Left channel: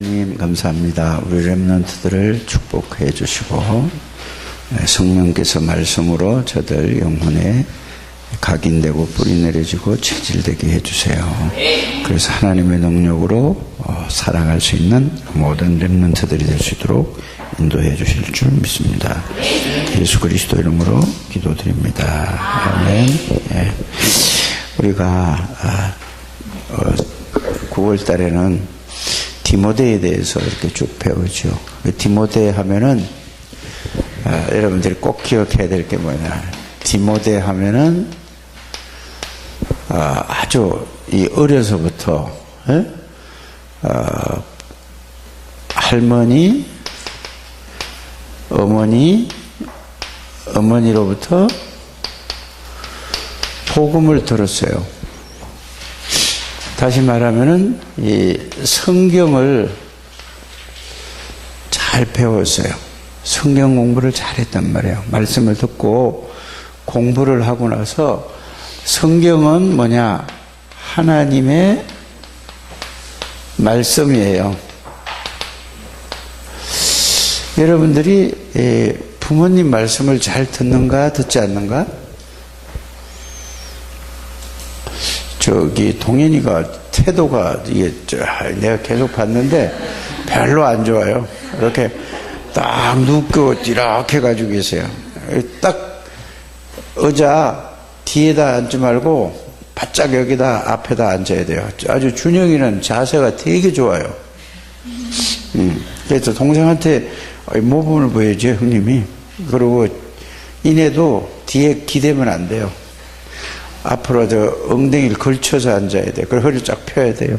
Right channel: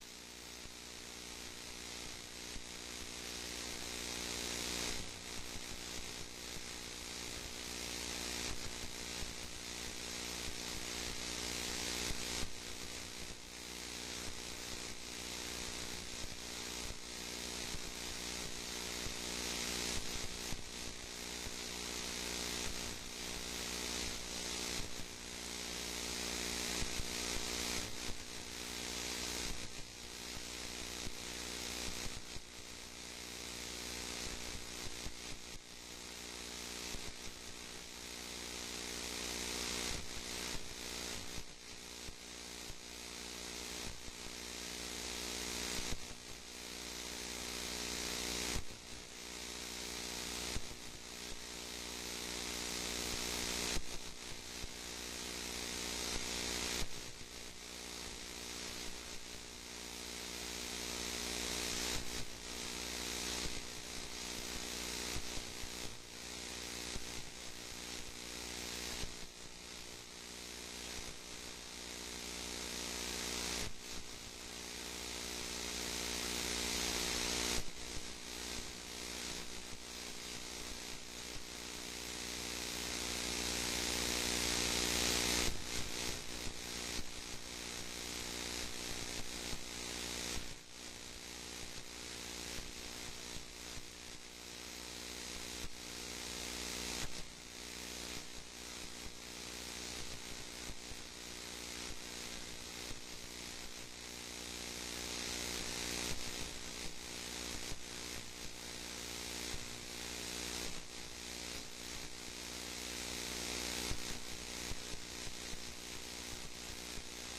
하나님 감사합니다. 우리 렘넌트들을 축복해 주시고 성령께서 말씀으로 저들 영혼에 각인되고 뿌리 내려지고 체질되게 해주세요. 그래서 하나님의 능력으로 살아갈 수 있는 모든 렘넌트들이 될 수 있도록 인도해 주실 줄 믿습니다. 예수 그리스도 이름으로 기도드립니다. 아멘. 예. 우리가 9월 달에는 디모데에 대해서 이렇게 쭉 배우죠. 디모데 하면은 여러분들이 꼭 기억해야 될 게 뭐냐? 디모데 하면은 아주 이 어려서부터 할머니, 어머니로부터 복음을 들었어요. 다시 말하면은 이 성경을 잘 배웠어요. 성경 공부를 잘했단 말이에요. 말씀을 듣고 공부를 하고 나서 성경은 뭐냐? 하나님의 말씀이에요. 여러분들이 부모님 말씀을 잘 듣는가 듣지 않는가? 저기 동현이가 태도가 이게 내가 계속 봤는데 별로 안 좋아요. 이렇게 딱 눕고 이렇게 가지고 계세요. 딱 의자 뒤에다 앉지 말고 바짝 여기다 앞에다 앉아야 돼요. 아주 준영이는 자세가 되게 좋아요. 그래서 동생한테 모범을 보여줘요, 형님이. 그리고 이내도 뒤에 기대면 안 돼요. 앞으로 저 엉덩이를 걸쳐서 앉아야 돼요. 그리고 허리를 쫙 펴야 돼요.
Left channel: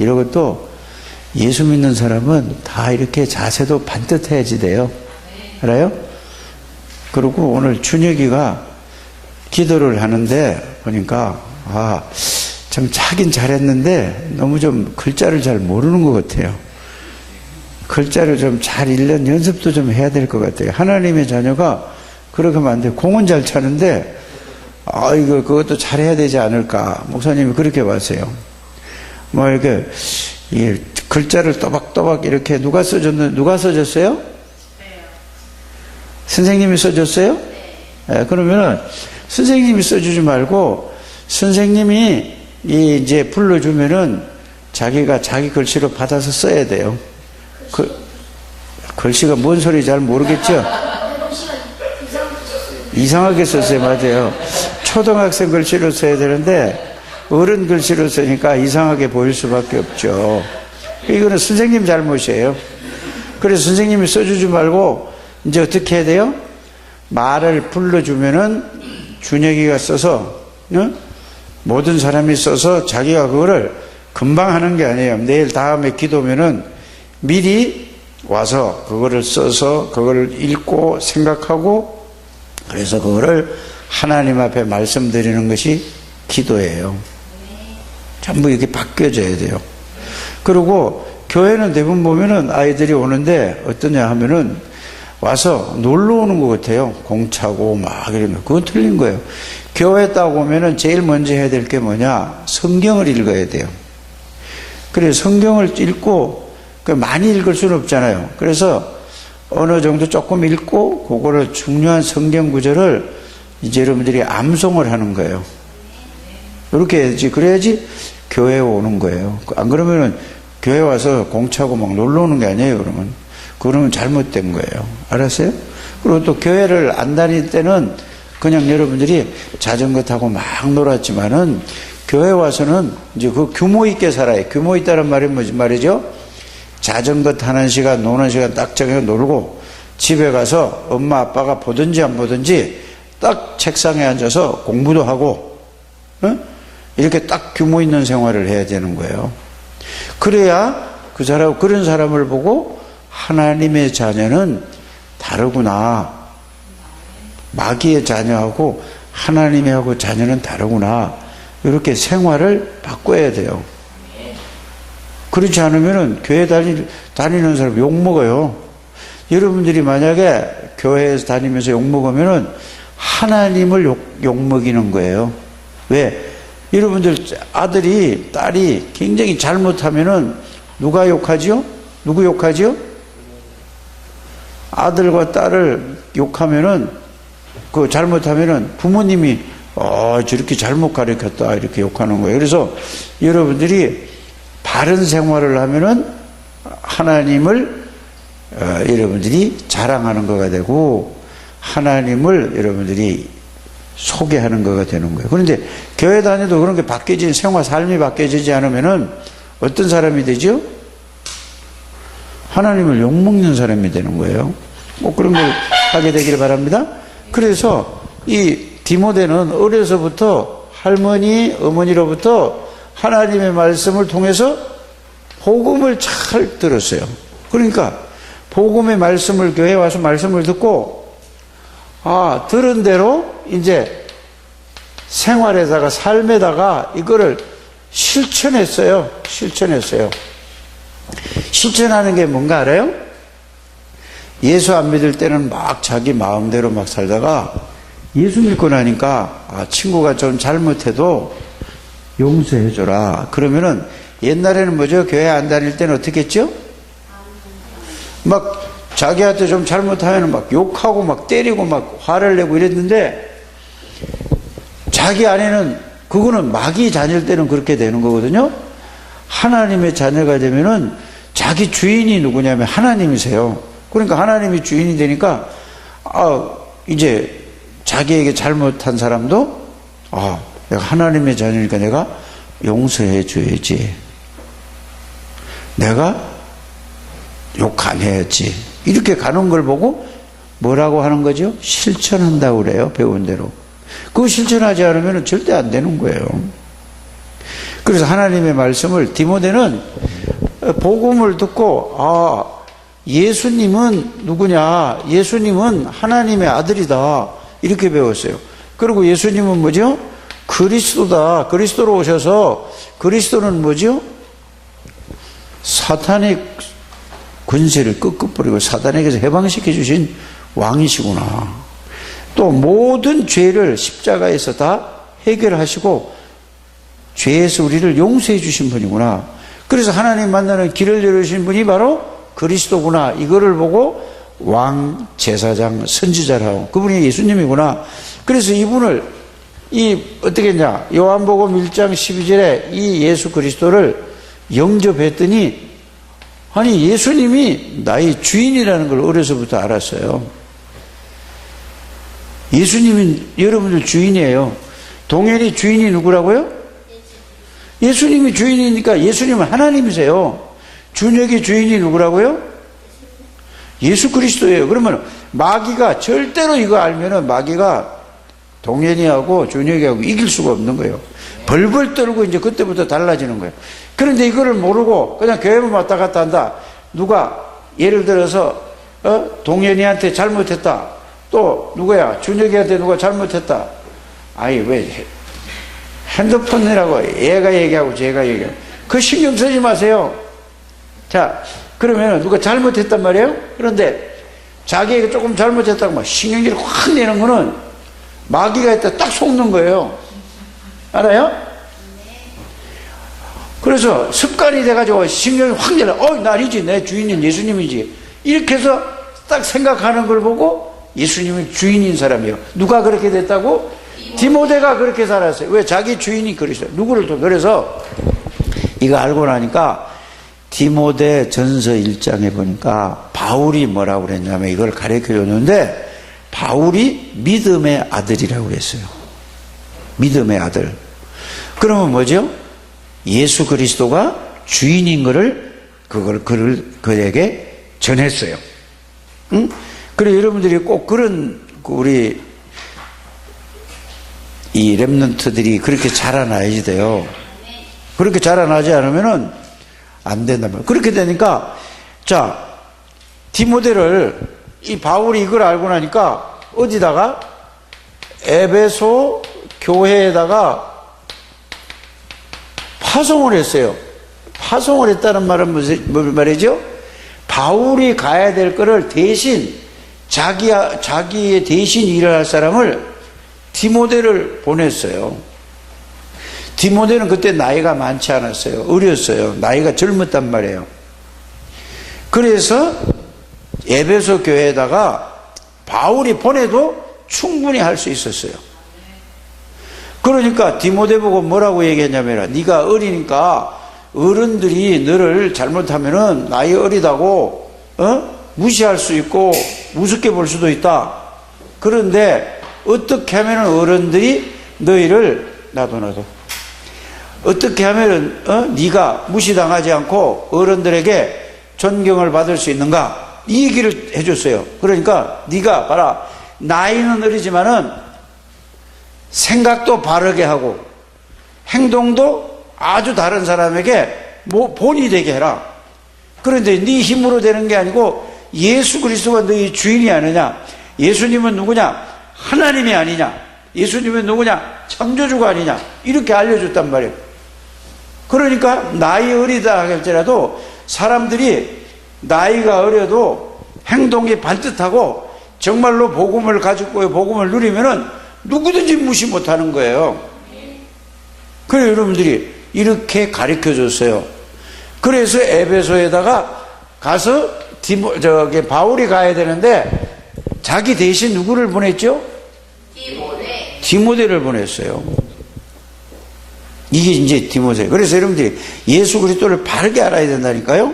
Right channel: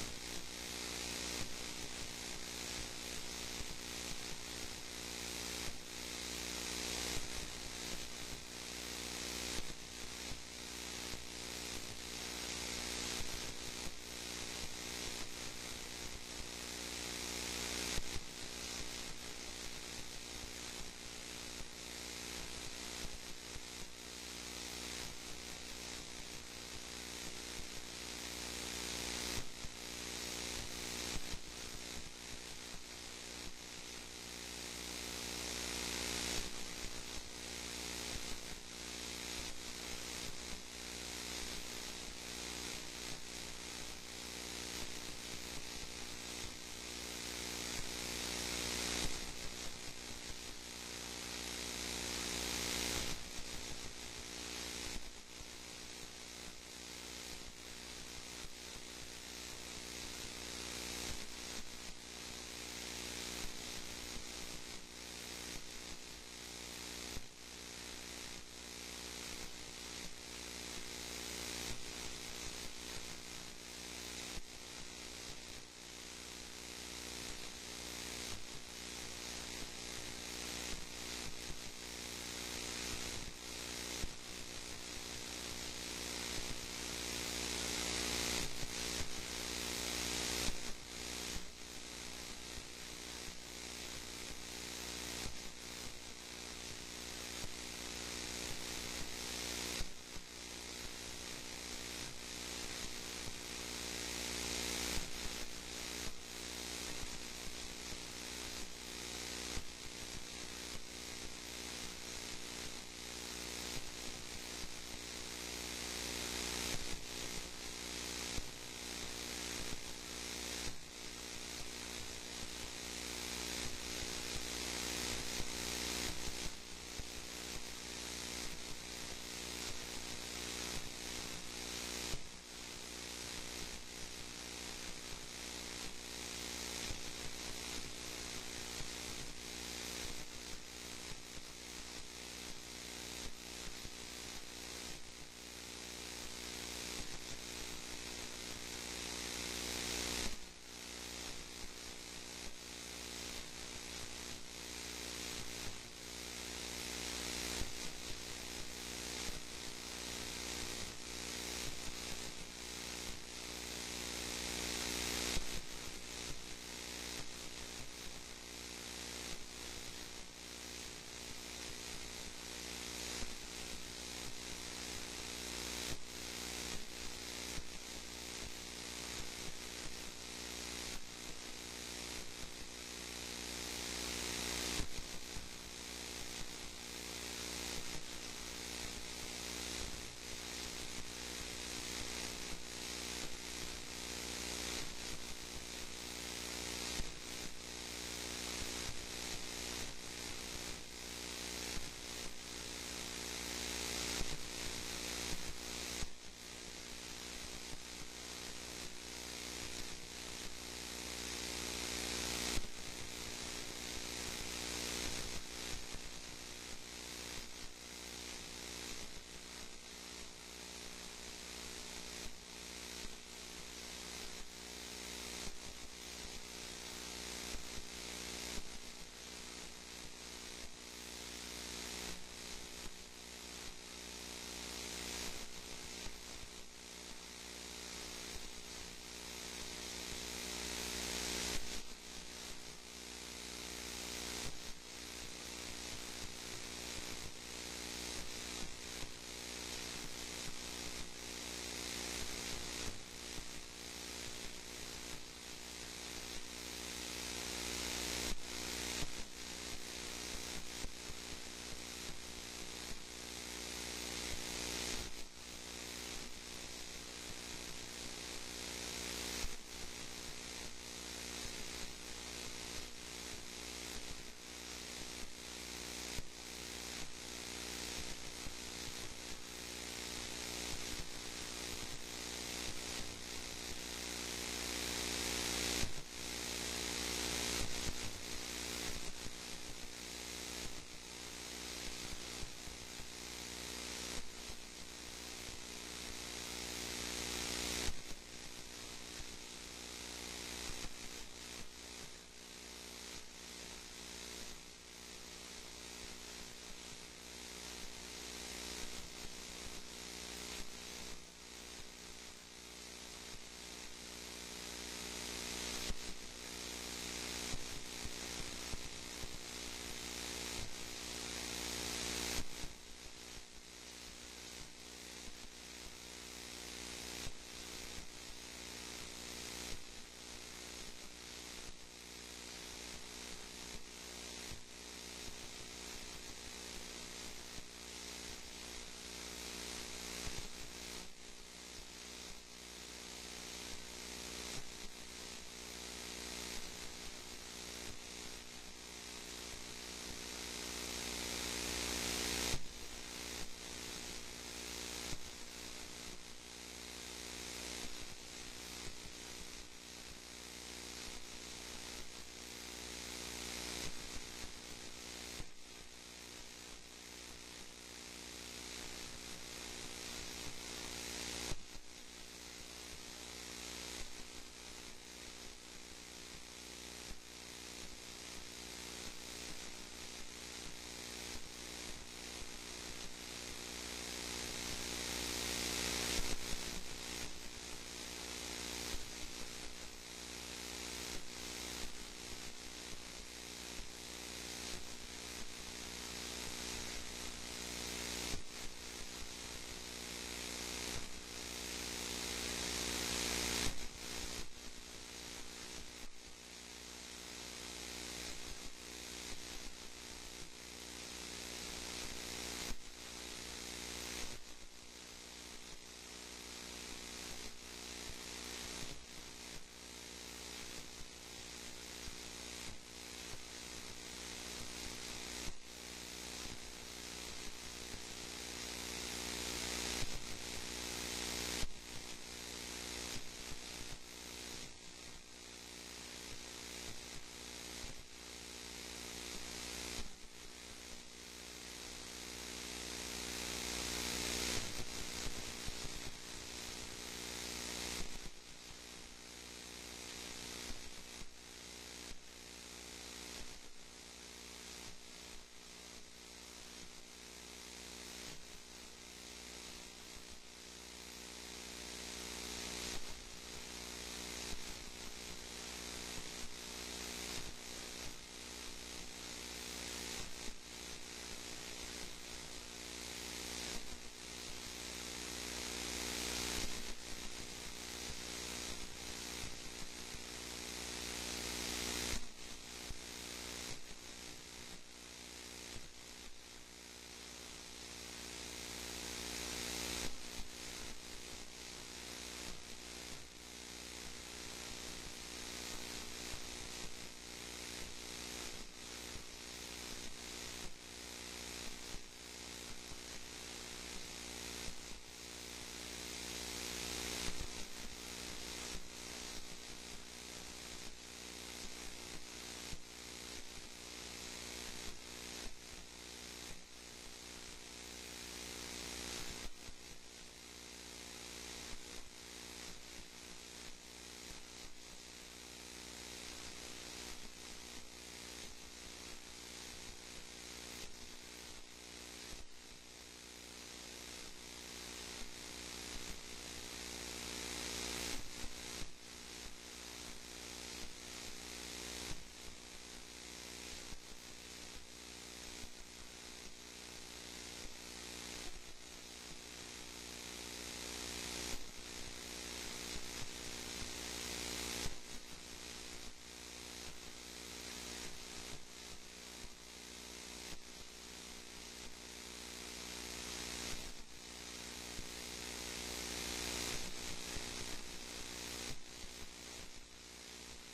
이런 것도 예수 믿는 사람은 다 이렇게 자세도 반듯해야지 돼요. 알아요? 그리고 오늘 준혁이가 기도를 하는데 보니까 참 차긴 잘했는데 너무 좀 글자를 잘 모르는 것 같아요. 글자를 좀 잘 읽는 연습도 좀 해야 될 것 같아요. 하나님의 자녀가 그렇게 하면 안 돼요. 공은 잘 차는데 그것도 잘해야 되지 않을까. 목사님이 그렇게 봤어요. 이렇게, 글자를 또박또박 이렇게 누가 써줬어요? 네. 선생님이 써줬어요? 네. 그러면은, 선생님이 써주지 말고, 선생님이 이제 불러주면은, 자기가 자기 글씨로 받아서 써야 돼요. 글씨가 뭔 소리 잘 모르겠죠? 이상하게 썼어요. 맞아요. 초등학생 글씨로 써야 되는데 어른 글씨로 쓰니까 이상하게 보일 수밖에 없죠. 이거는 선생님 잘못이에요. 그래서 선생님이 써주지 말고 이제 어떻게 해야 돼요? 말을 불러주면은 준혁이가 써서 모든 사람이 써서 자기가 그거를 금방 하는 게 아니에요. 내일 다음에 기도면은 미리 와서 그거를 써서 그거를 읽고 생각하고 그래서 그거를 하나님 앞에 말씀드리는 것이 기도예요. 전부 이렇게 바뀌어져야 돼요. 그리고 교회는 대부분 보면은 아이들이 오는데 어떠냐 하면은 와서 놀러 오는 것 같아요. 공차고 막 이러면. 그건 틀린 거예요. 교회 딱 오면은 제일 먼저 해야 될 게 뭐냐? 성경을 읽어야 돼요. 그래서 성경을 읽고 많이 읽을 수는 없잖아요. 그래서 어느 정도 조금 읽고 그거를 중요한 성경 구절을 이제 여러분들이 암송을 하는 거예요. 이렇게 해야지. 그래야지 교회에 오는 거예요. 안 그러면은 교회 와서 공차고 막 놀러 오는 게 아니에요. 그러면 잘못된 거예요. 알았어요? 그리고 또 교회를 안 다닐 때는 그냥 여러분들이 자전거 타고 막 놀았지만은 교회 와서는 이제 그 규모 있게 살아요. 규모 있다는 말이 무슨 말이죠? 자전거 타는 시간, 노는 시간 딱 정해 놀고 집에 가서 엄마 아빠가 보든지 안 보든지 딱 책상에 앉아서 공부도 하고 이렇게 딱 규모 있는 생활을 해야 되는 거예요. 그래야 그런 사람을 보고 하나님의 자녀는 다르구나. 마귀의 자녀하고 하나님의 자녀는 다르구나. 이렇게 생활을 바꿔야 돼요. 그렇지 않으면은 교회 다니는 사람 욕먹어요. 여러분들이 만약에 교회에서 다니면서 욕먹으면은 하나님을 욕먹이는 거예요. 왜? 여러분들 아들이, 딸이 굉장히 잘못하면은 누가 욕하죠? 누구 욕하지요? 아들과 딸을 욕하면은, 잘못하면은 부모님이, 저렇게 잘못 가르쳤다, 이렇게 욕하는 거예요. 그래서 여러분들이 바른 생활을 하면은 하나님을 여러분들이 자랑하는 거가 되고, 하나님을 여러분들이 소개하는 거가 되는 거예요. 그런데 교회 다녀도 그런 게 바뀌지, 생활, 삶이 바뀌어지지 않으면은 어떤 사람이 되죠? 하나님을 욕먹는 사람이 되는 거예요. 뭐 그런 걸 하게 되기를 바랍니다. 그래서 이 디모데는 어려서부터 할머니, 어머니로부터 하나님의 말씀을 통해서 복음을 잘 들었어요. 그러니까 복음의 말씀을, 교회에 와서 말씀을 듣고, 들은 대로 이제 생활에다가, 삶에다가 이거를 실천했어요. 실천하는 게 뭔가 알아요? 예수 안 믿을 때는 막 자기 마음대로 막 살다가 예수 믿고 나니까 친구가 좀 잘못해도 용서해줘라. 그러면은 옛날에는 뭐죠? 교회 안 다닐 때는 어떻게 했죠? 막 자기한테 좀 잘못하면 막 욕하고 막 때리고 막 화를 내고 이랬는데, 자기 안에는 그거는 마귀 자녀일 때는 그렇게 되는 거거든요. 하나님의 자녀가 되면은 자기 주인이 누구냐면 하나님이세요. 그러니까 하나님이 주인이 되니까 이제 자기에게 잘못한 사람도 내가 하나님의 자녀니까 내가 용서해 줘야지, 내가 욕 안 해야지, 이렇게 가는 걸 보고 뭐라고 하는 거죠? 실천한다고 그래요. 배운 대로. 그거 실천하지 않으면 절대 안 되는 거예요. 그래서 하나님의 말씀을, 디모데는 복음을 듣고 예수님은 누구냐, 예수님은 하나님의 아들이다, 이렇게 배웠어요. 그리고 예수님은 뭐죠? 그리스도다. 그리스도로 오셔서, 그리스도는 뭐죠? 사탄의 권세를 끄끄뿌리고 사탄에게서 해방시켜 주신 왕이시구나. 또 모든 죄를 십자가에서 다 해결하시고 죄에서 우리를 용서해 주신 분이구나. 그래서 하나님 만나는 길을 열어주신 분이 바로 그리스도구나. 이거를 보고 왕, 제사장, 선지자라고, 그분이 예수님이구나. 그래서 이분을 어떻게 했냐, 요한복음 1장 12절에 이 예수 그리스도를 영접했더니, 아니 예수님이 나의 주인이라는 걸 어려서부터 알았어요. 예수님은 여러분들 주인이에요. 동현이 주인이 누구라고요? 예수님이 주인이니까 예수님은 하나님이세요. 준혁이 주인이 누구라고요? 예수 그리스도예요. 그러면 마귀가 절대로 이거 알면은 마귀가 동현이하고 준혁이하고 이길 수가 없는 거예요. 벌벌 떨고 이제 그때부터 달라지는 거예요. 그런데 이거를 모르고 그냥 교회만 왔다 갔다 한다. 누가 예를 들어서 동현이한테 잘못했다. 또 누구야? 준혁이한테 누가 잘못했다. 왜 핸드폰이라고 얘가 얘기하고 제가 얘기하고, 그 신경 쓰지 마세요. 자, 그러면 누가 잘못했단 말이에요? 그런데 자기에게 조금 잘못했다고 막 신경질을 확 내는 거는 마귀가 있다 딱 속는 거예요. 알아요? 그래서 습관이 돼가지고 신경이 확 내려. 나 아니지, 내 주인은 예수님이지, 이렇게 해서 딱 생각하는 걸 보고 예수님이 주인인 사람이에요. 누가 그렇게 됐다고? 디모데가 그렇게 살았어요. 왜? 자기 주인이 그리스도. 누구를 또. 그래서 이거 알고 나니까 디모데 전서 1장에 보니까 바울이 뭐라고 그랬냐면 이걸 가르쳐 줬는데, 바울이 믿음의 아들이라고 그랬어요. 믿음의 아들. 그러면 뭐죠? 예수 그리스도가 주인인 거를 그에게 전했어요. 응? 그래, 여러분들이 꼭 그런, 우리 이 렘넌트들이 그렇게 자라나야지 돼요. 그렇게 자라나지 않으면은 안 된단 말이에요. 그렇게 되니까, 자, 디모데를, 이 바울이 이걸 알고 나니까 어디다가? 에베소 교회에다가 파송을 했어요. 파송을 했다는 말은 무슨 말이죠? 바울이 가야 될 거를 대신, 자기의 대신 일을 할 사람을 디모데를 보냈어요. 디모데는 그때 나이가 많지 않았어요. 어렸어요. 나이가 젊었단 말이에요. 그래서 에베소 교회에다가 바울이 보내도 충분히 할 수 있었어요. 그러니까 디모데 보고 뭐라고 얘기했냐면, 네가 어리니까 어른들이 너를 잘못하면은 나이 어리다고 무시할 수 있고 우습게 볼 수도 있다. 그런데 어떻게 하면 어른들이 너희를 나도 어떻게 하면 네가 무시당하지 않고 어른들에게 존경을 받을 수 있는가, 이 얘기를 해줬어요. 그러니까 네가 봐라, 나이는 어리지만은 생각도 바르게 하고 행동도 아주 다른 사람에게 본이 되게 해라. 그런데 네 힘으로 되는 게 아니고 예수 그리스도가 너희 주인이 아니냐, 예수님은 누구냐, 하나님이 아니냐, 예수님은 누구냐, 창조주가 아니냐, 이렇게 알려줬단 말이에요. 그러니까 나이 어리다 할지라도 사람들이 나이가 어려도 행동이 반듯하고 정말로 복음을 가지고 복음을 누리면은 누구든지 무시 못하는 거예요. 그래 여러분들이 이렇게 가르쳐 줬어요. 그래서 에베소에다가 가서 바울이 가야 되는데 자기 대신 누구를 보냈죠? 디모데를 보냈어요. 이게 이제 디모데. 그래서 여러분들이 예수 그리스도를 바르게 알아야 된다니까요.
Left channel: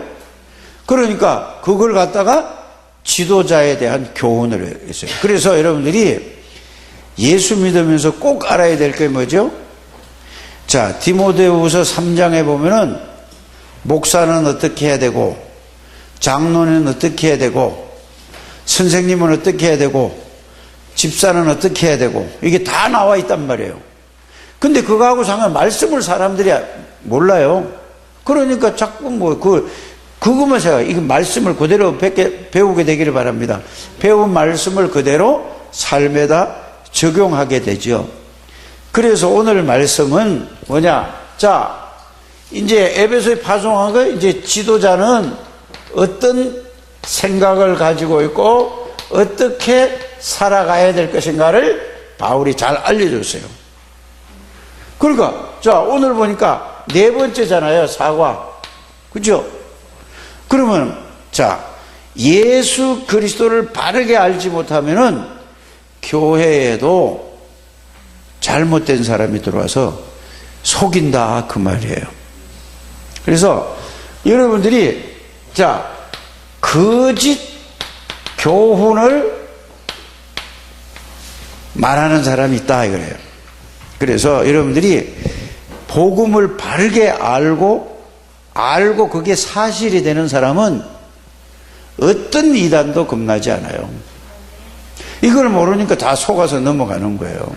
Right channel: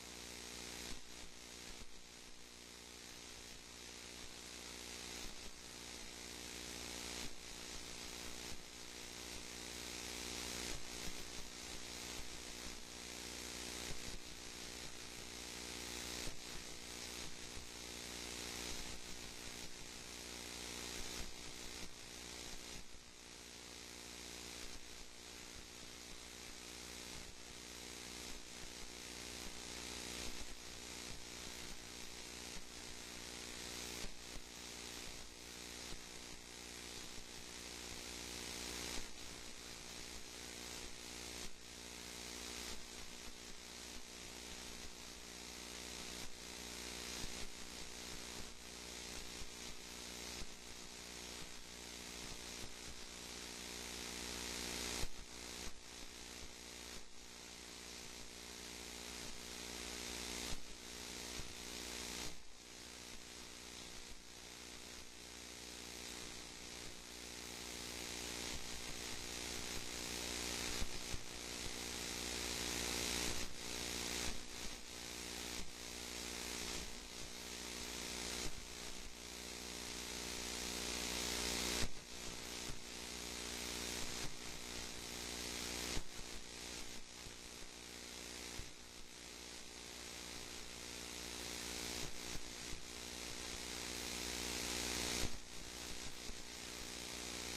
그러니까 그걸 갖다가 지도자에 대한 교훈을 했어요. 그래서 여러분들이 예수 믿으면서 꼭 알아야 될 게 뭐죠? 자, 디모데후서 3장에 보면은 목사는 어떻게 해야 되고, 장로는 어떻게 해야 되고, 선생님은 어떻게 해야 되고, 집사는 어떻게 해야 되고, 이게 다 나와 있단 말이에요. 근데 그거하고 상관 말씀을 사람들이 몰라요. 그러니까 자꾸 그것만 제가 이 말씀을 그대로 배우게 되기를 바랍니다. 배운 말씀을 그대로 삶에다 적용하게 되죠. 그래서 오늘 말씀은 뭐냐? 자, 이제 에베소에 파송한 거, 이제 지도자는 어떤 생각을 가지고 있고 어떻게 살아가야 될 것인가를 바울이 잘 알려줬어요. 그러니까 자, 오늘 보니까 네 번째잖아요. 사과. 그죠? 그러면 자, 예수 그리스도를 바르게 알지 못하면은 교회에도 잘못된 사람이 들어와서 속인다, 그 말이에요. 그래서 여러분들이 자, 거짓 교훈을 말하는 사람이 있다 이거예요. 그래서 여러분들이 복음을 바르게 알고 그게 사실이 되는 사람은 어떤 이단도 겁나지 않아요. 이걸 모르니까 다 속아서 넘어가는 거예요.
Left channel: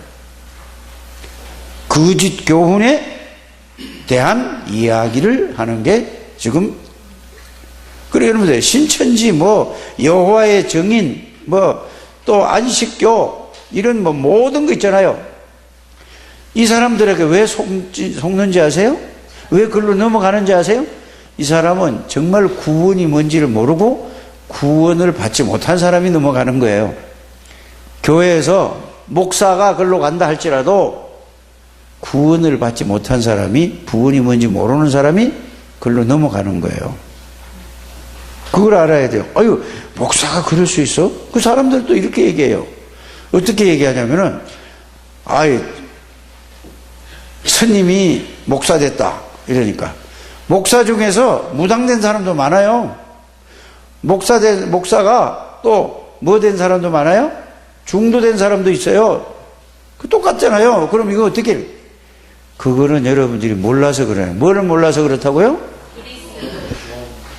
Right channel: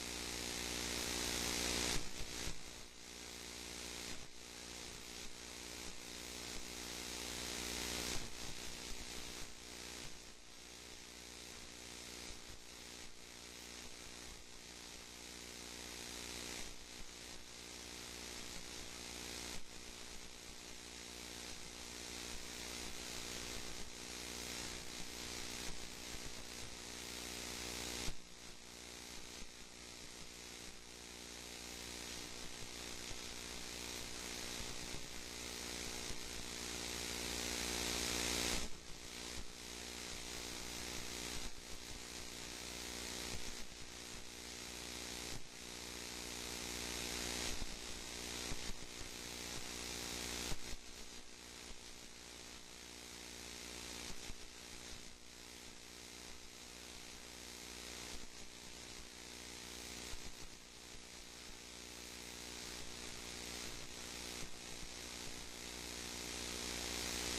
거짓 교훈에 대한 이야기를 하는 게 지금, 그래 여러분들 신천지 여호와의 증인 또 안식교 이런 모든 거 있잖아요. 이 사람들에게 왜 속는지 아세요? 왜 글로 넘어가는지 아세요? 이 사람은 정말 구원이 뭔지를 모르고 구원을 받지 못한 사람이 넘어가는 거예요. 교회에서 목사가 글로 간다 할지라도 구원을 받지 못한 사람이, 구원이 뭔지 모르는 사람이 글로 넘어가는 거예요. 그걸 알아야 돼요. 아유, 목사가 그럴 수 있어? 그 사람들도 이렇게 얘기해요. 어떻게 얘기하냐면은, 스님이 목사 됐다 이러니까 목사 중에서 무당된 사람도 많아요. 목사가 또 뭐 된 사람도 많아요. 중도된 사람도 있어요. 그 똑같잖아요. 그럼 이거 어떻게 해요? 그거는 여러분들이 몰라서 그래요. 뭐를 몰라서 그렇다고요?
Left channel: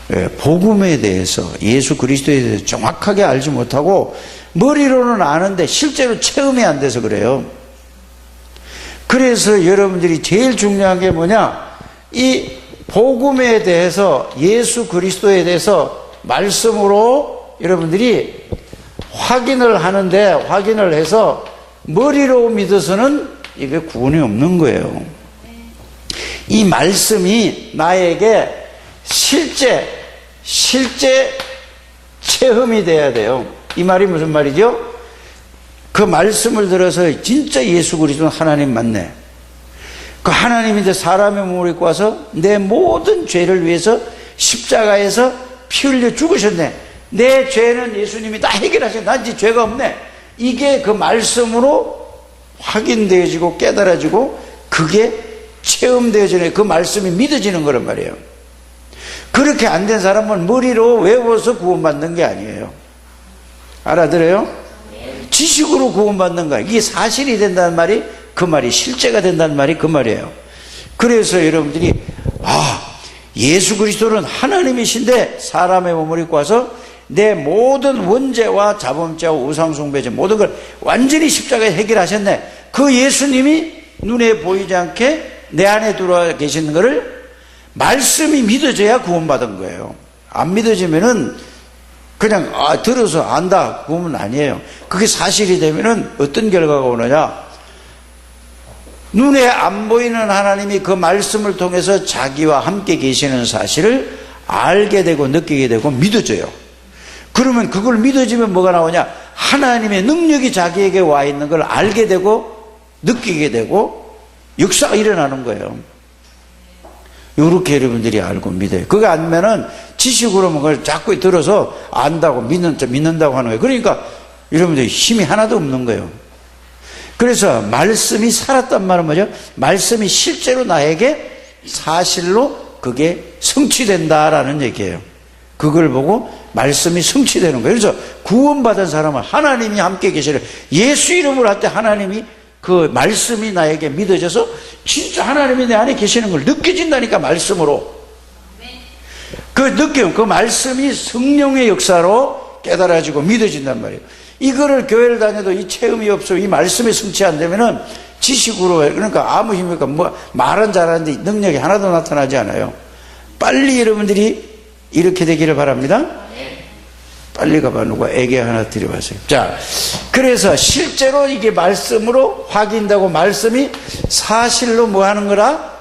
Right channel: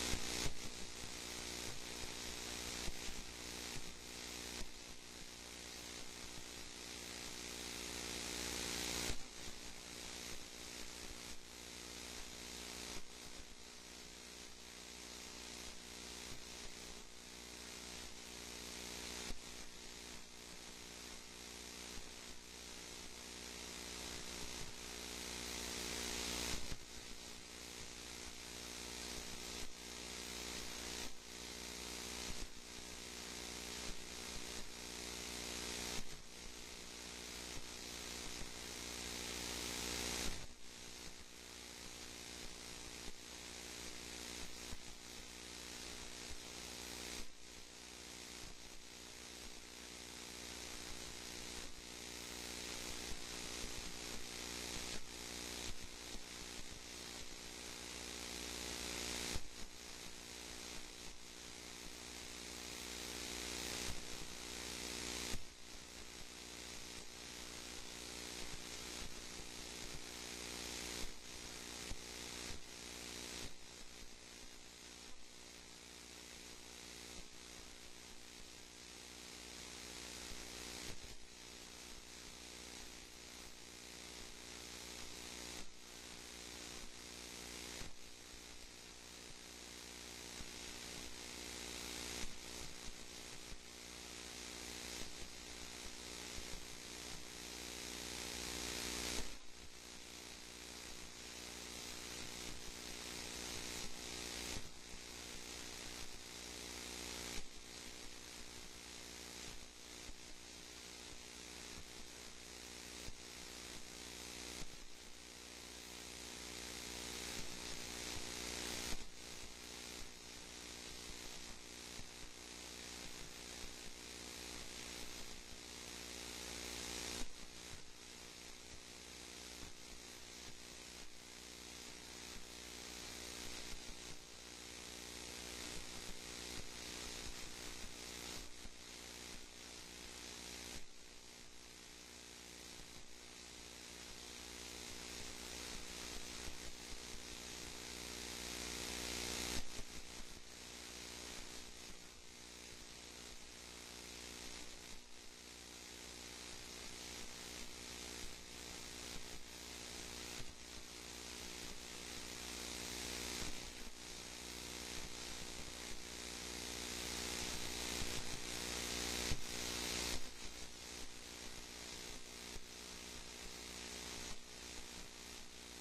네, 복음에 대해서, 예수 그리스도에 대해서 정확하게 알지 못하고 머리로는 아는데 실제로 체험이 안 돼서 그래요. 그래서 여러분들이 제일 중요한 게 뭐냐? 이 복음에 대해서, 예수 그리스도에 대해서 말씀으로 여러분들이 확인을 하는데, 확인을 해서 머리로 믿어서는 이게 구원이 없는 거예요. 이 말씀이 나에게 실제 체험이 돼야 돼요. 이 말이 무슨 말이죠? 그 말씀을 들어서 진짜 예수 그리스도는 하나님 맞네. 그 하나님이 이제 사람의 몸을 입고 와서 내 모든 죄를 위해서 십자가에서 피 흘려 죽으셨네. 내 죄는 예수님이 다 해결하셨네. 난 이제 죄가 없네. 이게 그 말씀으로 확인되어지고 깨달아지고 그게 체험되어지는, 그 말씀이 믿어지는 거란 말이에요. 그렇게 안 된 사람은 머리로 외워서 구원받는 게 아니에요. 알아들어요? 지식으로 구원받는 거야. 이게 사실이 된다는 말이 그 말이, 실제가 된다는 말이 그 말이에요. 그래서 여러분들이 예수 그리스도는 하나님이신데 사람의 몸을 입고 와서 내 모든 원죄와 자범죄와 우상숭배죄 모든 걸 완전히 십자가에 해결하셨네. 그 예수님이 눈에 보이지 않게 내 안에 들어와 계시는 것을 말씀이 믿어져야 구원받은 거예요. 안 믿어지면은 그냥 들어서 안다 구원은 아니에요. 그게 사실이 되면은 어떤 결과가 오느냐, 눈에 안 보이는 하나님이 그 말씀을 통해서 자기와 함께 계시는 사실을 알게 되고 느끼게 되고 믿어져요. 그러면 그걸 믿어지면 뭐가 나오냐, 하나님의 능력이 자기에게 와 있는 걸 알게 되고 느끼게 되고 역사가 일어나는 거예요. 이렇게 여러분들이 알고 믿어요. 그게 아니면은 지식으로 그걸 자꾸 들어서 안다고 믿는다고 하는 거예요. 그러니까 여러분들이 힘이 하나도 없는 거예요. 그래서 말씀이 살았단 말은 뭐죠? 말씀이 실제로 나에게 사실로 그게 성취된다라는 얘기예요. 그걸 보고 말씀이 성취되는 거예요. 그래서 구원받은 사람은 하나님이 함께 계시는, 예수 이름으로 할 때 하나님이 그 말씀이 나에게 믿어져서 진짜 하나님이 내 안에 계시는 걸 느껴진다니까, 말씀으로. 그 느낌, 그 말씀이 성령의 역사로 깨달아지고 믿어진단 말이에요. 이거를 교회를 다녀도 이 체험이 없어, 이 말씀이 성취 안 되면은 지식으로, 그러니까 아무 힘이 없고, 말은 잘하는데 능력이 하나도 나타나지 않아요. 빨리 여러분들이 이렇게 되기를 바랍니다. 빨리 가봐. 누가 애기 하나 드려봤어요. 자, 그래서 실제로 이게 말씀으로 확인되고 말씀이 사실로 뭐 하는 거라?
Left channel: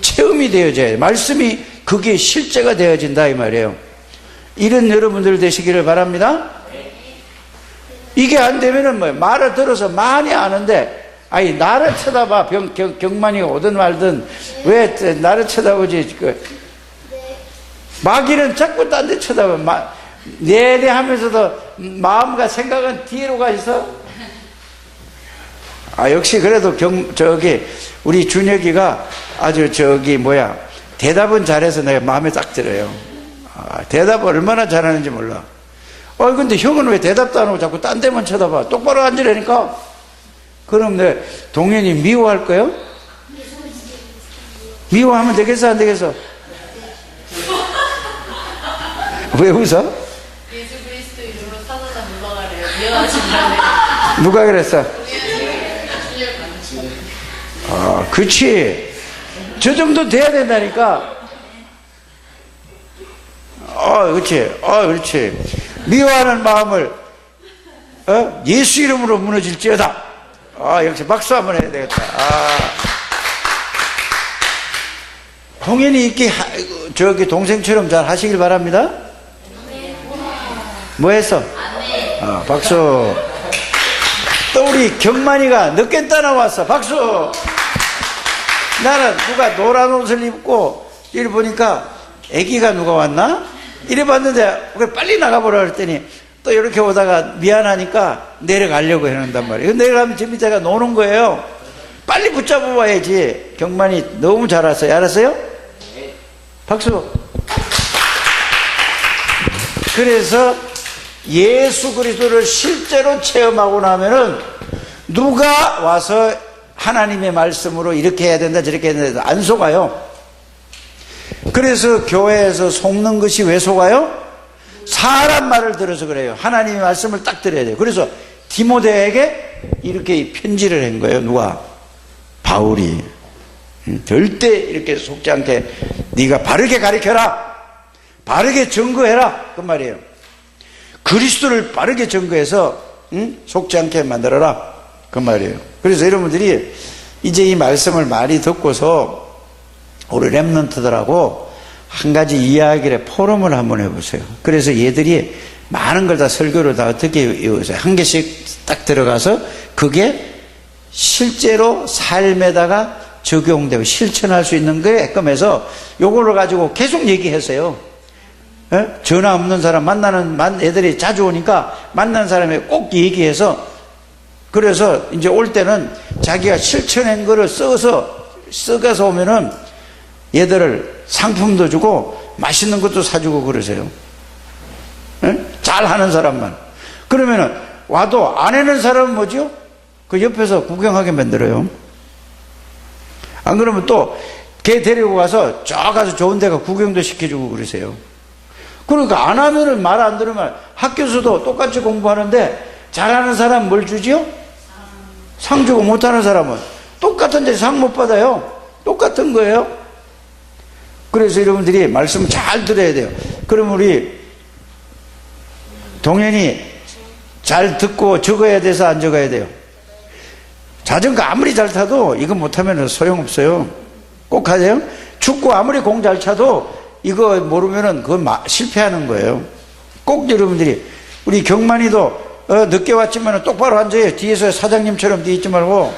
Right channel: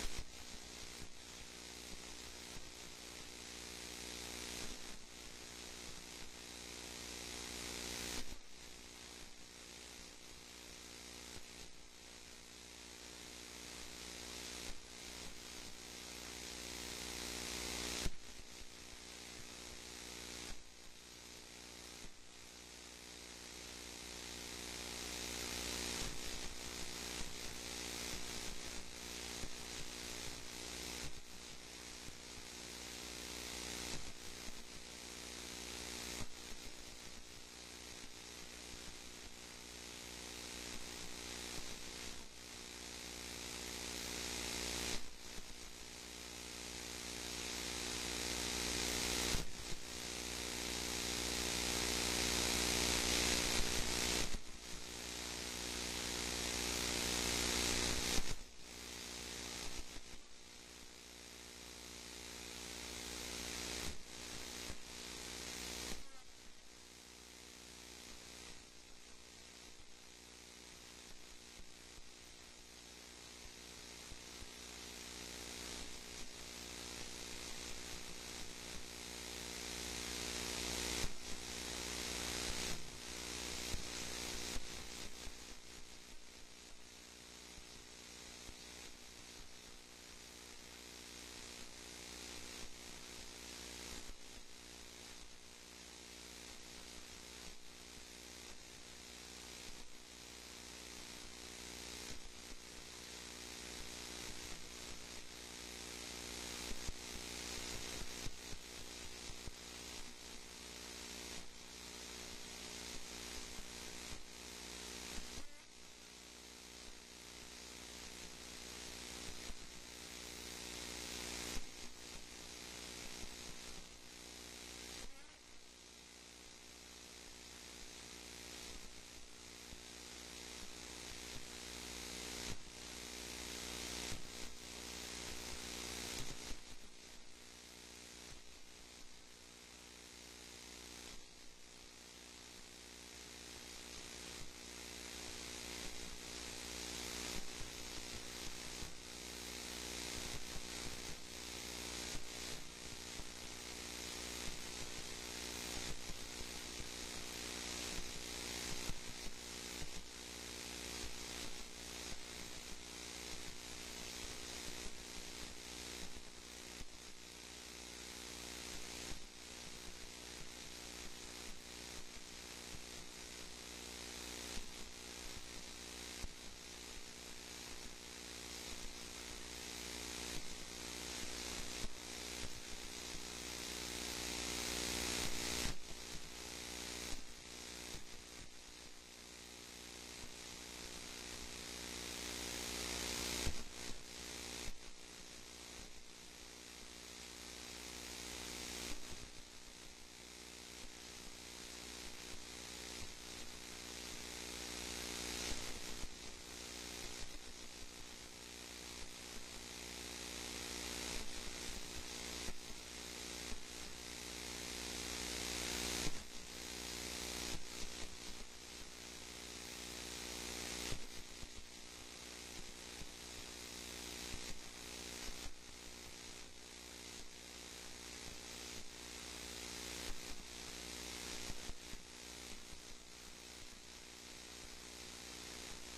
체험이 되어져야 돼. 말씀이 그게 실제가 되어진다 이 말이에요. 이런 여러분들 되시기를 바랍니다. 이게 안 되면은 뭐 말을 들어서 많이 아는데, 아니 나를 쳐다봐. 경만이가 오든 말든 왜 나를 쳐다보지? 마귀는 자꾸 딴 데 쳐다봐. 네네 하면서도 마음과 생각은 뒤로 가 있어. 역시 그래도 우리 준혁이가 아주 대답은 잘해서 내가 마음에 딱 들어요. 대답을 얼마나 잘하는지 몰라. 근데 형은 왜 대답도 안 하고 자꾸 딴 데만 쳐다봐. 똑바로 앉으라니까. 그럼 내가 동현이 미워할 거예요? 미워하면 되겠어, 안 되겠어? 왜 웃어? 예수 그리스도 이름으로 사단아 물러가래요. 미워하신다네. 누가 그랬어? 그치. 저 정도 돼야 된다니까. 그렇지. 그렇지. 미워하는 마음을 예수 이름으로 무너질지어다. 역시 박수 한번 해야 되겠다. 동현이 있게 동생처럼 잘 하시길 바랍니다. 뭐 했어? 박수. 또 우리 경만이가 늦게 따라왔어. 박수. 나는 누가 노란 옷을 입고 이리 보니까 애기가 누가 왔나? 이래 봤는데 빨리 나가보라 그랬더니 또 이렇게 오다가 미안하니까 내려가려고 해놓는단 말이에요. 내려가면 저 밑에가 노는 거예요. 빨리 붙잡아 와야지. 경만이 너무 잘 왔어요. 알았어요? 박수. 그래서 예수 그리스도를 실제로 체험하고 나면은 누가 와서 하나님의 말씀으로 이렇게 해야 된다 저렇게 해야 된다 안 속아요. 그래서 교회에서 속는 것이 왜 속아요? 사람 말을 들어서 그래요. 하나님의 말씀을 딱 들어야 돼요. 그래서 디모데에게 이렇게 편지를 한 거예요. 누가? 바울이. 절대 이렇게 속지 않게 네가 바르게 가르쳐라, 바르게 증거해라, 그 말이에요. 그리스도를 바르게 증거해서 속지 않게 만들어라, 그 말이에요. 그래서 여러분들이 이제 이 말씀을 많이 듣고서 우리 렘넌트들하고 한 가지 이야기를 포럼을 한번 해보세요. 그래서 얘들이 많은 걸 다 설교를 다 어떻게 외우세요. 한 개씩 딱 들어가서 그게 실제로 삶에다가 적용되고 실천할 수 있는 게끔 해서 요거를 가지고 계속 얘기하세요. 예? 전화 없는 사람 애들이 자주 오니까 만나는 사람에 꼭 얘기해서, 그래서 이제 올 때는 자기가 실천한 거를 썩어서 오면은 얘들을 상품도 주고 맛있는 것도 사주고 그러세요. 예? 잘하는 사람만. 그러면은 와도 안 하는 사람은 뭐죠? 그 옆에서 구경하게 만들어요. 안 그러면 또 걔 데리고 가서 저 가서 좋은 데가 구경도 시켜주고 그러세요. 그러니까 안 하면은 말 안 들으면 학교에서도 똑같이 공부하는데 잘하는 사람 뭘 주지요? 상 주고 못하는 사람은 똑같은데 상 못 받아요. 똑같은 거예요. 그래서 여러분들이 말씀 잘 들어야 돼요. 그럼 우리 동현이 잘 듣고 적어야 돼서 안 적어야 돼요? 자전거 아무리 잘 타도 이거 못하면 소용없어요. 꼭 하세요. 축구 아무리 공 잘 차도 이거 모르면은 그건 실패하는 거예요. 꼭 여러분들이, 우리 경만이도 늦게 왔지만 똑바로 앉아요. 뒤에서 사장님처럼 뒤에 있지 말고.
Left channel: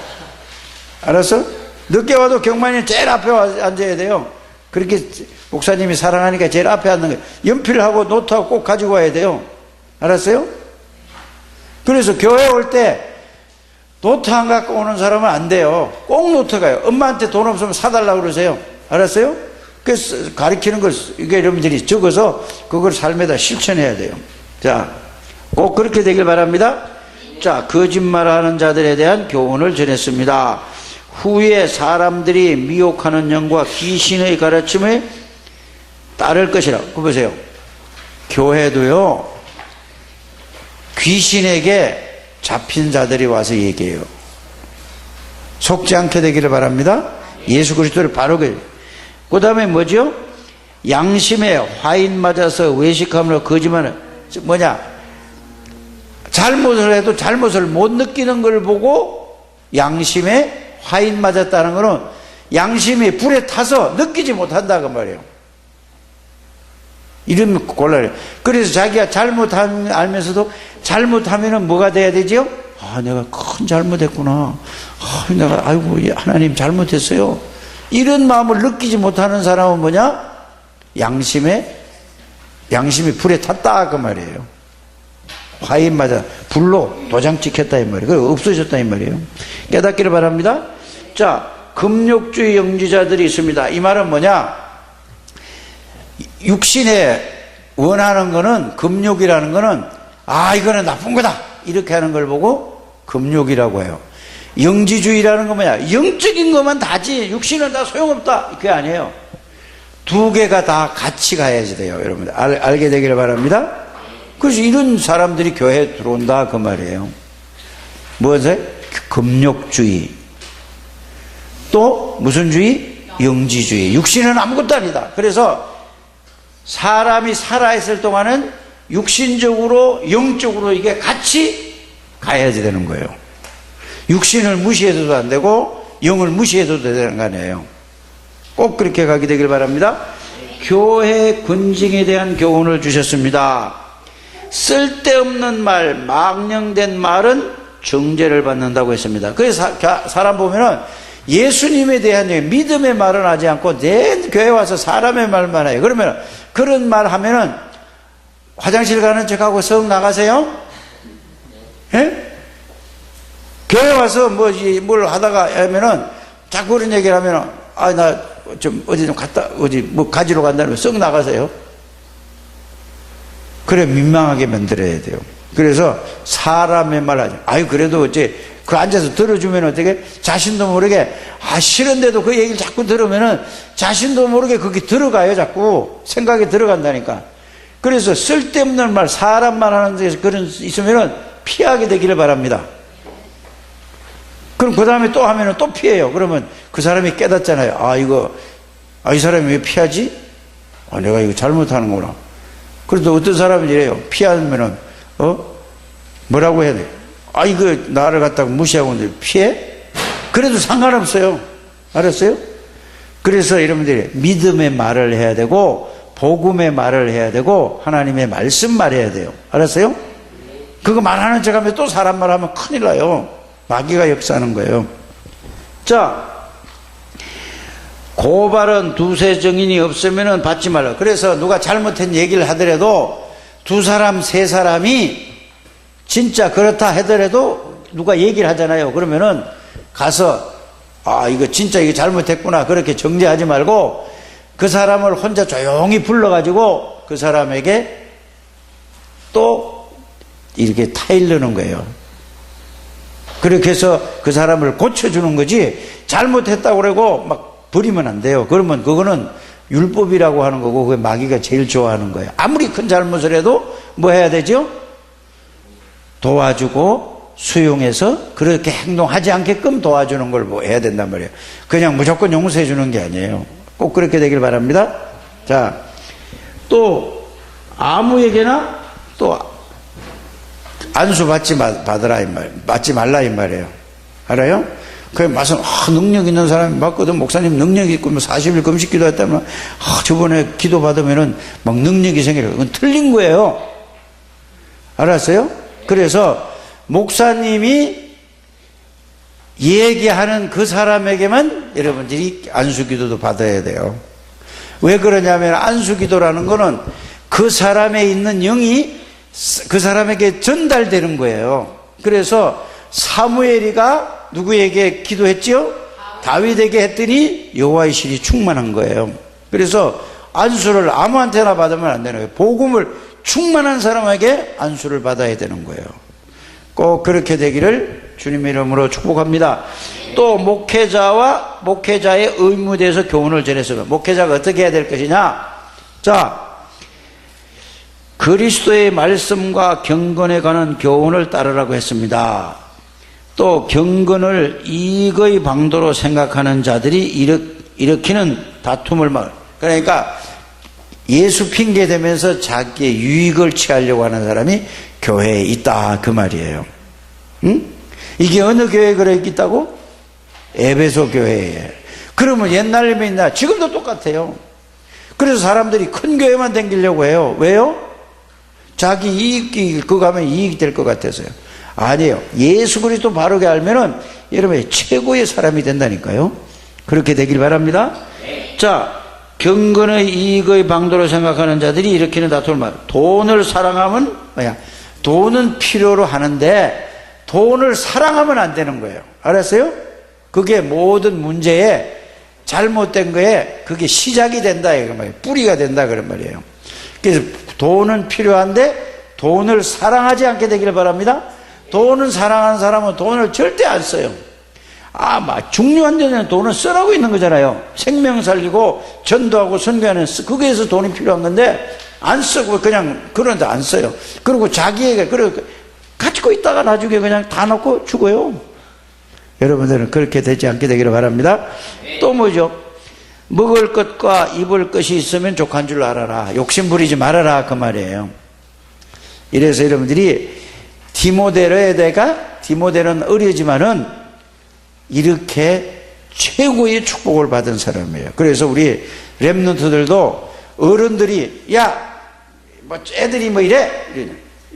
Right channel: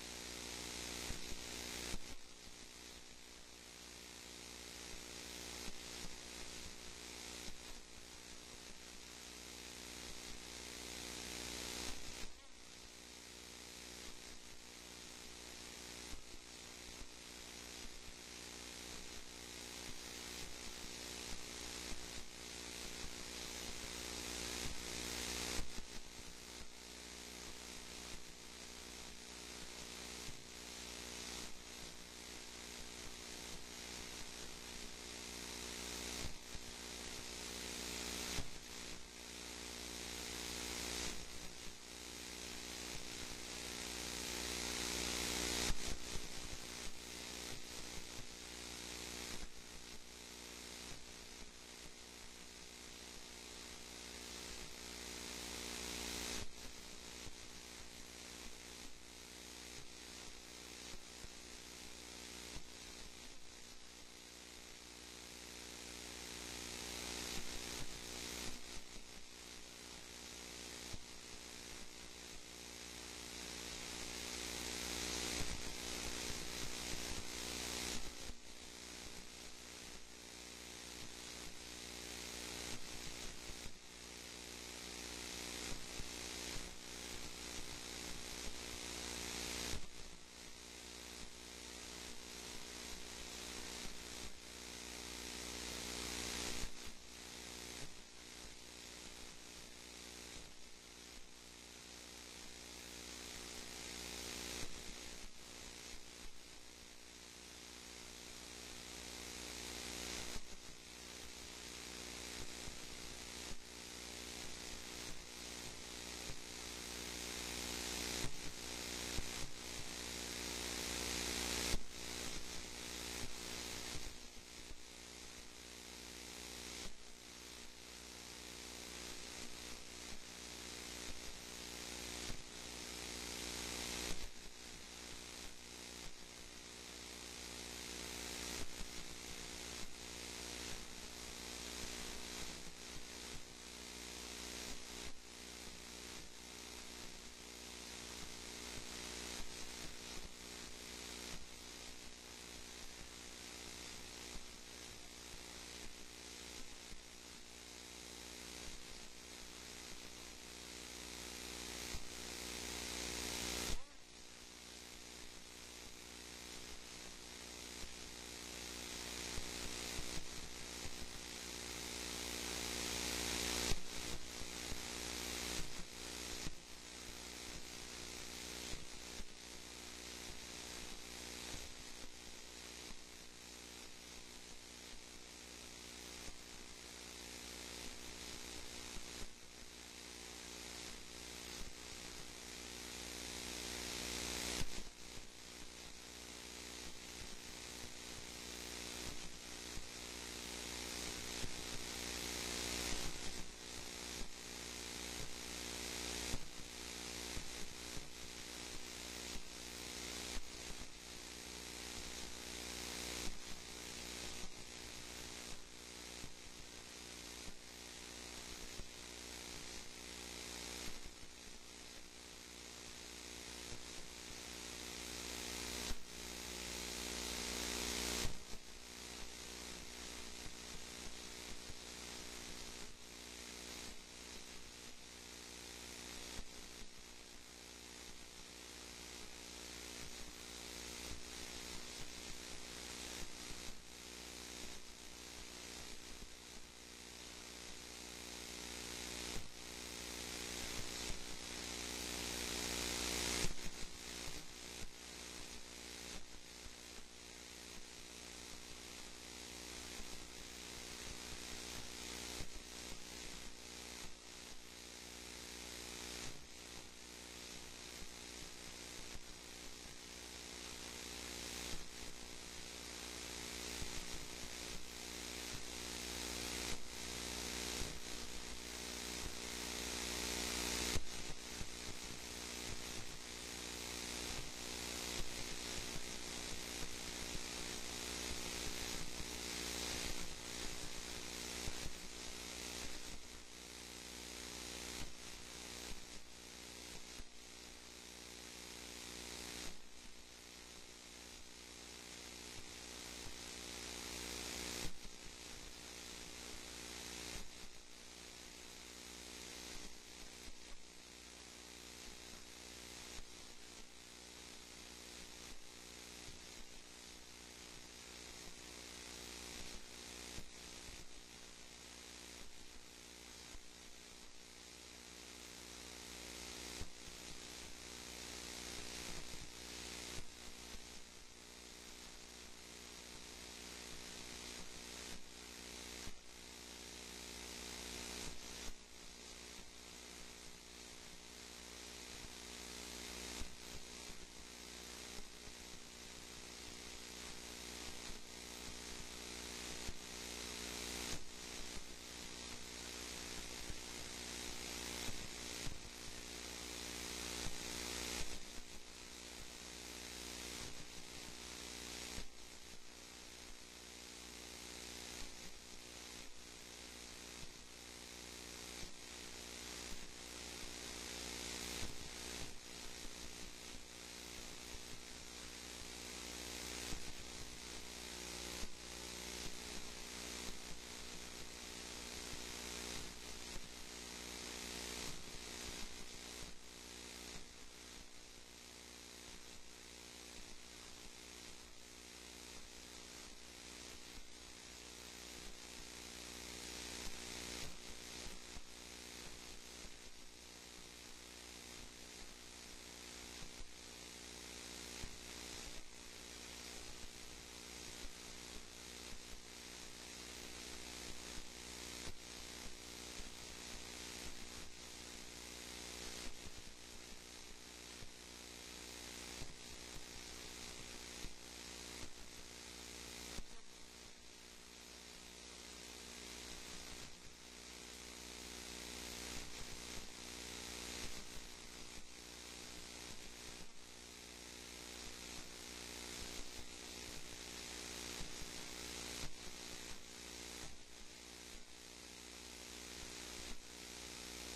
알았어? 늦게 와도 경만이는 제일 앞에 앉아야 돼요. 그렇게 목사님이 사랑하니까 제일 앞에 앉는 거예요. 연필하고 노트하고 꼭 가지고 와야 돼요. 알았어요? 그래서 교회 올 때 노트 안 갖고 오는 사람은 안 돼요. 꼭 노트 가요. 엄마한테 돈 없으면 사달라고 그러세요. 알았어요? 그래서 가르치는 걸 이게 여러분들이 적어서 그걸 삶에다 실천해야 돼요. 자, 꼭 그렇게 되길 바랍니다. 자, 거짓말하는 자들에 대한 교훈을 전했습니다. 후에 사람들이 미혹하는 영과 귀신의 가르침에 따를 것이라. 그거 보세요. 교회도요, 귀신에게 잡힌 자들이 와서 얘기해요. 속지 않게 되기를 바랍니다. 예수 그리스도를 바르게. 그 다음에 뭐죠? 양심에 화인 맞아서 외식함으로 거짓말을, 뭐냐? 잘못을 해도 잘못을 못 느끼는 걸 보고 양심에 화인 맞았다는 것은 양심이 불에 타서 느끼지 못한다 그 말이에요. 이러면 곤란해요. 그래서 자기가 잘못하면 알면서도 잘못하면은 뭐가 돼야 되죠? 아, 내가 큰 잘못했구나. 아, 내가 아이고 하나님 잘못했어요. 이런 마음을 느끼지 못하는 사람은 뭐냐? 양심이 불에 탔다 그 말이에요. 화인 맞아 불로 도장 찍혔다 이 말이에요. 그리고 없어졌다 이 말이에요. 깨닫기를 바랍니다. 자, 금욕주의 영지자들이 있습니다. 이 말은 뭐냐? 육신에 원하는 거는, 금욕이라는 거는 아 이거는 나쁜 거다 이렇게 하는 걸 보고 금욕이라고 해요. 영지주의라는 건 뭐냐? 영적인 것만 다지 육신은 다 소용없다 그게 아니에요. 두 개가 다 같이 가야지 돼요. 여러분들 알게 되기를 바랍니다. 그래서 이런 사람들이 교회에 들어온다 그 말이에요. 무엇을? 금욕주의. 또 무슨 주의? 영지주의. 육신은 아무것도 아니다. 그래서 사람이 살아있을 동안은 육신적으로 영적으로 이게 같이 가야지 되는 거예요. 육신을 무시해서도 안 되고 영을 무시해도 되는 거 아니에요. 꼭 그렇게 가게 되길 바랍니다. 교회 근징에 대한 교훈을 주셨습니다. 쓸데없는 말, 망령된 말은 정죄를 받는다고 했습니다. 그래서 사람 보면은 예수님에 대한 믿음의 말은 하지 않고 내 교회 와서 사람의 말만 해요. 그러면 그런 말 하면은 화장실 가는 척하고 썩 나가세요? 예? 교회 와서 뭘 하다가 하면은 자꾸 그런 얘기를 하면은 아, 나 좀 어디 좀 갔다, 어디 뭐 가지러 간다면 썩 나가세요? 그래, 민망하게 만들어야 돼요. 그래서 사람의 말 하죠. 아유, 그래도 어째 그 앉아서 들어주면 어떻게 자신도 모르게 싫은데도 그 얘기를 자꾸 들으면은 자신도 모르게 거기 들어가요. 자꾸 생각에 들어간다니까. 그래서 쓸데없는 말, 사람 말하는 데서 그런 있으면은 피하게 되기를 바랍니다. 그럼 그 다음에 또 하면은 또 피해요. 그러면 그 사람이 깨닫잖아요. 이 사람이 왜 피하지? 내가 이거 잘못하는구나. 그래도 어떤 사람이 이래요. 피하면은 뭐라고 해야 돼? 이거 나를 갖다가 무시하고 있는데 피해? 그래도 상관없어요. 알았어요? 그래서 여러분들이 믿음의 말을 해야 되고 복음의 말을 해야 되고 하나님의 말씀 말해야 돼요. 알았어요? 그거 말하는 척하면 또 사람 말하면 큰일 나요. 마귀가 역사하는 거예요. 자, 고발은 두세 증인이 없으면 받지 말라. 그래서 누가 잘못한 얘기를 하더라도 두 사람, 세 사람이 진짜 그렇다 하더라도 누가 얘기를 하잖아요. 그러면은 가서 이거 진짜 이거 잘못했구나 그렇게 정죄하지 말고 그 사람을 혼자 조용히 불러가지고 그 사람에게 또 이렇게 타일르는 거예요. 그렇게 해서 그 사람을 고쳐주는 거지 잘못했다고 그러고 막 버리면 안 돼요. 그러면 그거는 율법이라고 하는 거고 그게 마귀가 제일 좋아하는 거예요. 아무리 큰 잘못을 해도 뭐 해야 되죠? 도와주고 수용해서 그렇게 행동하지 않게끔 도와주는 걸 뭐 해야 된단 말이에요. 그냥 무조건 용서해 주는 게 아니에요. 꼭 그렇게 되길 바랍니다. 자, 또 아무에게나 또 안수 받지 말라 이 말이에요. 알아요? 그 맛은 능력 있는 사람이 맞거든. 목사님 능력 있고 40일 금식 기도했다면 저번에 기도 받으면은 막 능력이 생기려. 그건 틀린 거예요. 알았어요? 그래서 목사님이 얘기하는 그 사람에게만 여러분들이 안수 기도도 받아야 돼요. 왜 그러냐면 안수 기도라는 거는 그 사람에 있는 영이 그 사람에게 전달되는 거예요. 그래서 사무엘이가 누구에게 기도했지요? 다윗에게 했더니 여호와의 신이 충만한 거예요. 그래서 안수를 아무한테나 받으면 안 되는 거예요. 복음을 충만한 사람에게 안수를 받아야 되는 거예요. 꼭 그렇게 되기를 주님의 이름으로 축복합니다. 또 목회자의 의무에 대해서 교훈을 전했습니다. 목회자가 어떻게 해야 될 것이냐? 자, 그리스도의 말씀과 경건에 관한 교훈을 따르라고 했습니다. 또 경건을 이익의 방도로 생각하는 자들이 일으키는 다툼을 그러니까 예수 핑계 대면서 자기의 유익을 취하려고 하는 사람이 교회에 있다 그 말이에요. 응? 이게 어느 교회에 그래 있다고? 에베소 교회에. 그러면 옛날이면 있나? 지금도 똑같아요. 그래서 사람들이 큰 교회만 다니려고 해요. 왜요? 자기 이익이 그거 하면 이익이 될 것 같아서요. 아니에요. 예수 그리스도 바르게 알면은 여러분이 최고의 사람이 된다니까요. 그렇게 되길 바랍니다. 자, 경건의 이익의 방도로 생각하는 자들이 일으키는 다툼을 돈을 사랑하면 뭐야? 돈은 필요로 하는데 돈을 사랑하면 안 되는 거예요. 알았어요? 그게 모든 문제에 잘못된 거에 그게 시작이 된다 이거 말이에요. 뿌리가 된다 그런 말이에요. 그래서 돈은 필요한데 돈을 사랑하지 않게 되기를 바랍니다. 돈을 사랑하는 사람은 돈을 절대 안 써요. 막 중요한 데는 돈을 쓰라고 있는 거잖아요. 생명 살리고 전도하고 선교하는 거기에서 돈이 필요한 건데 안 쓰고 그냥 그런데 안 써요. 그리고 자기에게 가지고 있다가 나중에 그냥 다 놓고 죽어요. 여러분들은 그렇게 되지 않게 되기를 바랍니다. 또 뭐죠? 먹을 것과 입을 것이 있으면 족한 줄 알아라. 욕심 부리지 말아라 그 말이에요. 이래서 여러분들이 디모데는 어리지만은 이렇게 최고의 축복을 받은 사람이에요. 그래서 우리 렘넌트들도 어른들이 애들이 뭐 이래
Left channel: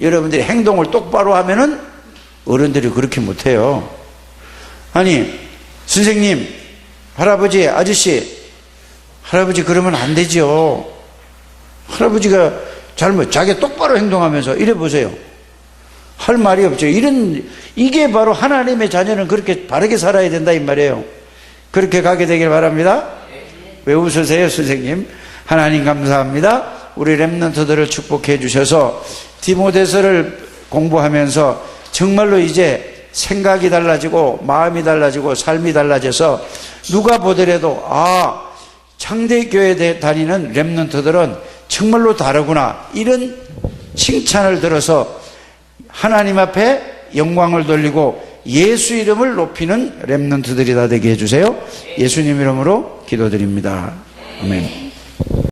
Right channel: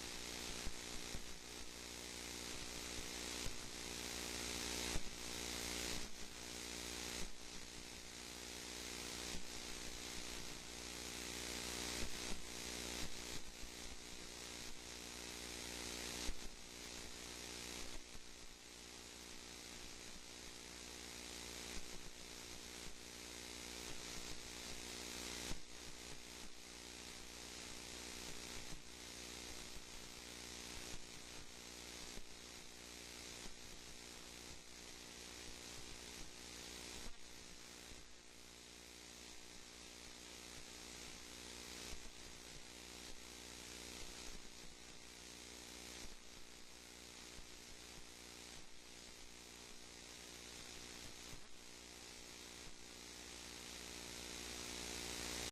여러분들이 행동을 똑바로 하면은 어른들이 그렇게 못해요. 아니 선생님, 할아버지, 아저씨, 할아버지 그러면 안 되죠. 할아버지가 자기 똑바로 행동하면서 이래 보세요. 할 말이 없죠. 이게 바로 하나님의 자녀는 그렇게 바르게 살아야 된다 이 말이에요. 그렇게 가게 되길 바랍니다. 왜 웃으세요 선생님? 하나님 감사합니다. 우리 렘넌트들을 축복해 주셔서 디모데서를 공부하면서 정말로 이제 생각이 달라지고 마음이 달라지고 삶이 달라져서 누가 보더라도 창대교회 다니는 렘넌트들은 정말로 다르구나 이런 칭찬을 들어서 하나님 앞에 영광을 돌리고 예수 이름을 높이는 렘넌트들이 다 되게 해주세요. 예수님 이름으로 기도드립니다. 아멘.